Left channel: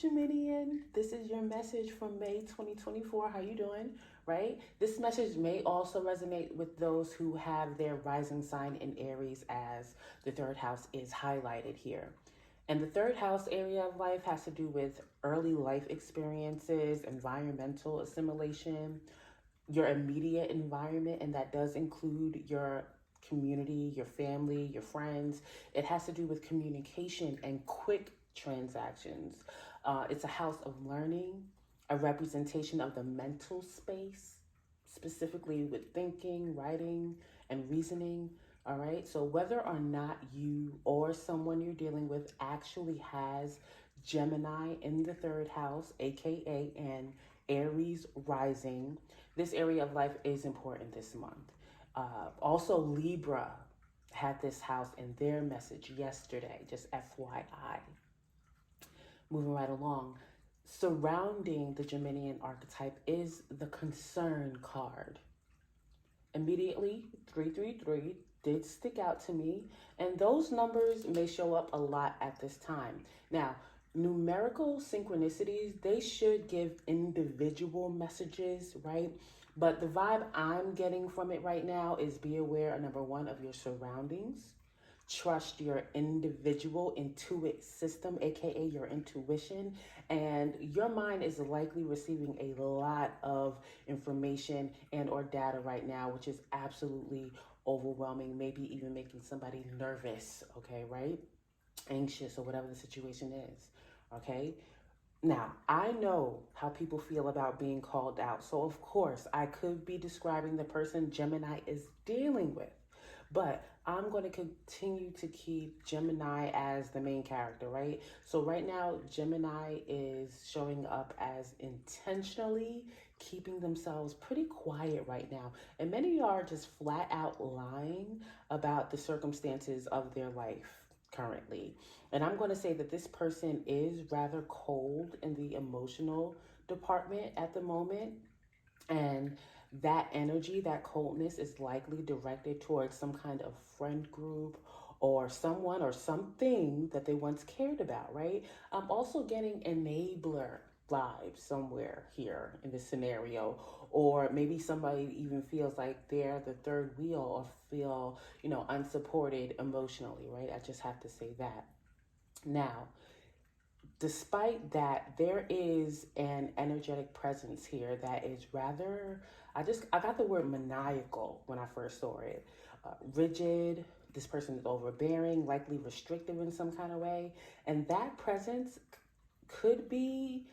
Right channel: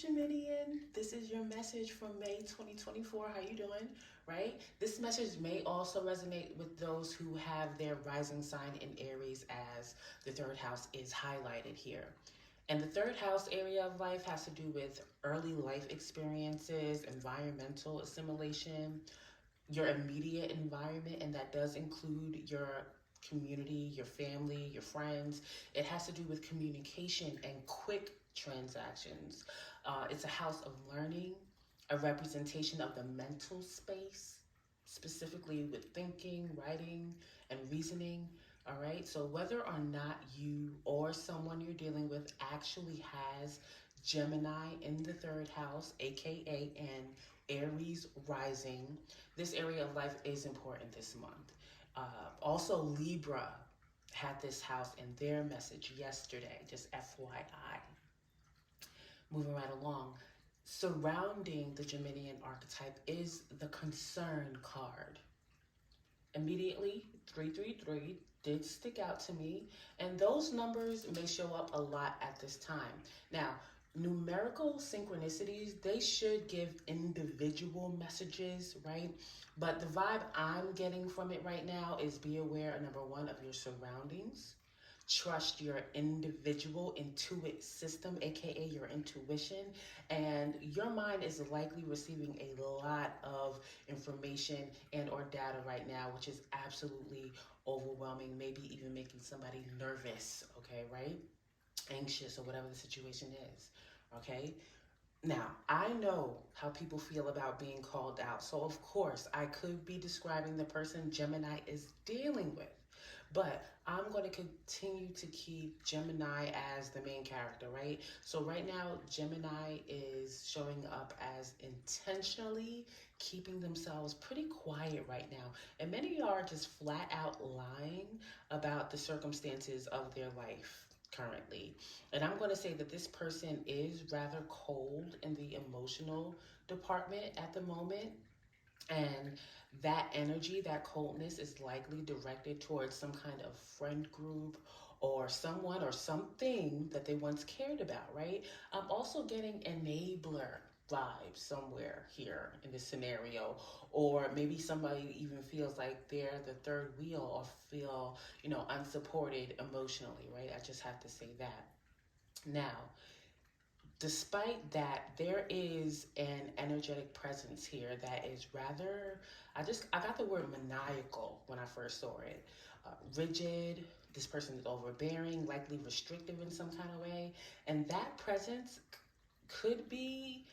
Geminian. This is your message from May 2024. How you doing? Right? This message may also resonate with those who have their rising sign in Aries, as the third house is highlighted here. And the third house area of life has to do with early life experiences, environmental assimilation, your immediate environment, and that does include your community, your family, your friends. It has to do with communication and quick transactions. It's a house of learning, a representation of the mental space, specifically with thinking, writing, and reasoning. All right, so whether or not you or someone you're dealing with actually has Gemini in the third house, aka an Aries rising, this area of life is important this month. Also, Libra had this house in their message yesterday, just FYI. Moving right along, surrounding the Geminian archetype is the concern card. Immediately, 333 did stick out to me, and those numbers may show up a lot at this time. Now, numerical synchronicities, they should give individual messages, right? But the vibe I'm getting from it right now is be aware, number one, of your surroundings. Trust your individual intuitive system, aka your intuition, and your mind is likely receiving a lot of information and or data right now, which is absolutely overwhelming, maybe even making somebody nervous, okay, right? Anxious or whatever the situation is, okay? Now, I know how people feel about being called out. So, of course, I could be describing the person Gemini is dealing with. But I'm going to continue to keep Gemini as the main character, right? So right now, Gemini is showing up as intentionally keeping themselves pretty quiet right now. And many of y'all are just flat out lying about the circumstances of their life currently. And I'm going to say that this person is rather cold in the emotional department at the moment. And that energy, that coldness is likely directed towards some kind of friend group or someone or something that they once cared about, right? I'm also getting enabler vibes somewhere here in this scenario, or maybe somebody even feels like they're the third wheel or feel, unsupported emotionally, right? I just have to say that. Now, despite that, there is an energetic presence here that is rather, I got the word maniacal when I first saw it. Rigid, this person is overbearing, likely restrictive in some kind of way. And that presence could be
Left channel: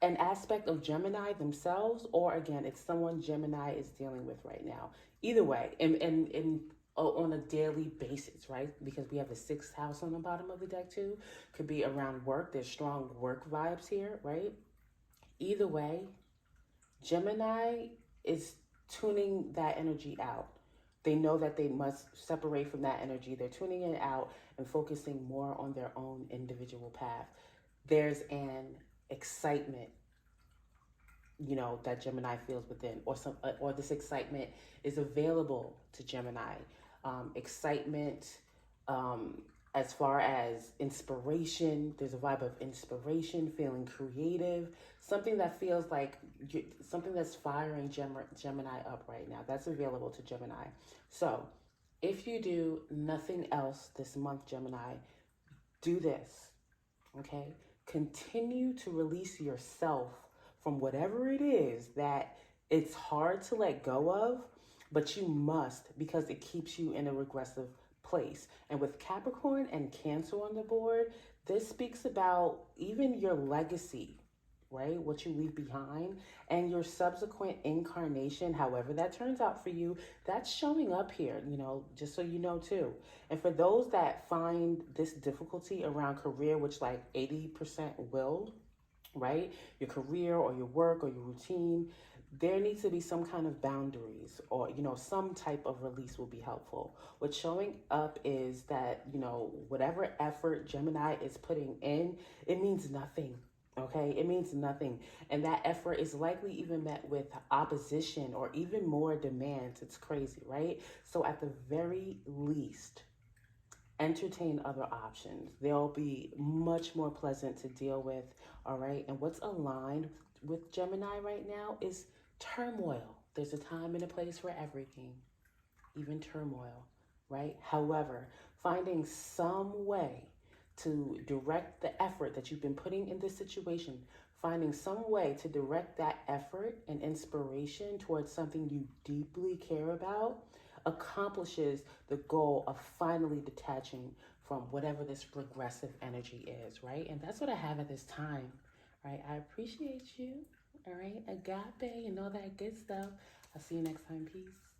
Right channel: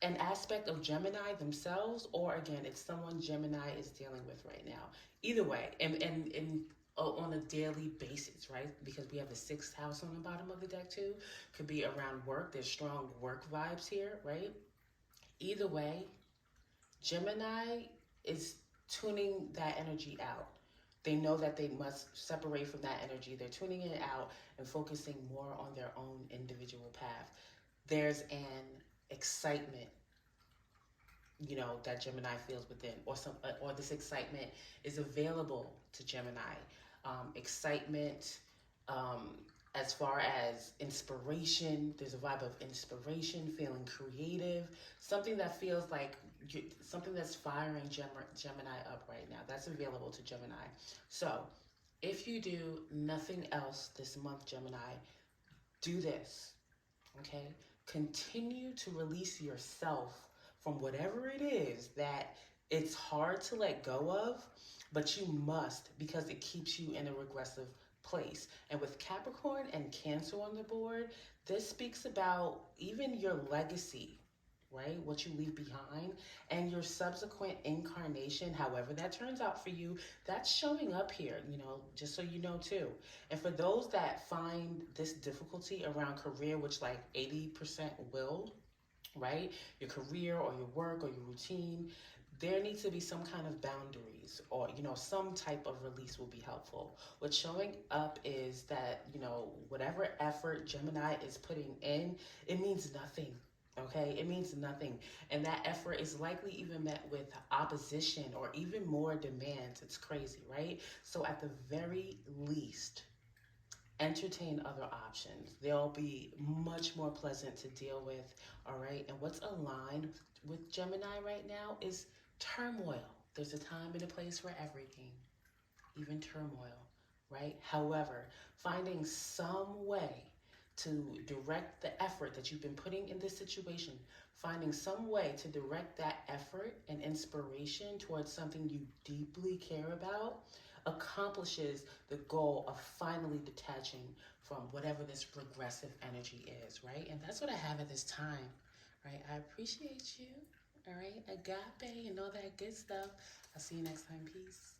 an aspect of Gemini themselves, or again, it's someone Gemini is dealing with right now. Either way, and on a daily basis, right? Because we have the sixth house on the bottom of the deck too. Could be around work. There's strong work vibes here, right? Either way, Gemini is tuning that energy out. They know that they must separate from that energy. They're tuning it out and focusing more on their own individual path. There's an excitement, that Gemini feels within, or this excitement is available to Gemini. Excitement, as far as inspiration, there's a vibe of inspiration, feeling creative, something that feels like something that's firing Gemini up right now. That's available to Gemini. So if you do nothing else this month, Gemini, do this, okay? Continue to release yourself from whatever it is that it's hard to let go of, but you must, because it keeps you in a regressive place. And with Capricorn and Cancer on the board, this speaks about even your legacy, right? What you leave behind and your subsequent incarnation, however that turns out for you, that's showing up here, just so you know too. And for those that find this difficulty around career, which like 80% will, right? Your career or your work or your routine, there needs to be some kind of boundaries, or some type of release will be helpful. What's showing up is that whatever effort Gemini is putting in, it means nothing. Okay, it means nothing, and that effort is likely even met with opposition or even more demands. It's crazy, right? So at the very least, entertain other options. They'll be much more pleasant to deal with, all right? And what's aligned with Gemini right now is turmoil. There's a time and a place for everything, even turmoil, right? However, finding some way to direct the effort that you've been putting in this situation, finding some way to direct that effort and inspiration towards something you deeply care about accomplishes the goal of finally detaching from whatever this regressive energy is, right? And that's what I have at this time, right? I appreciate you, all right? Agape and all that good stuff. I'll see you next time. Peace.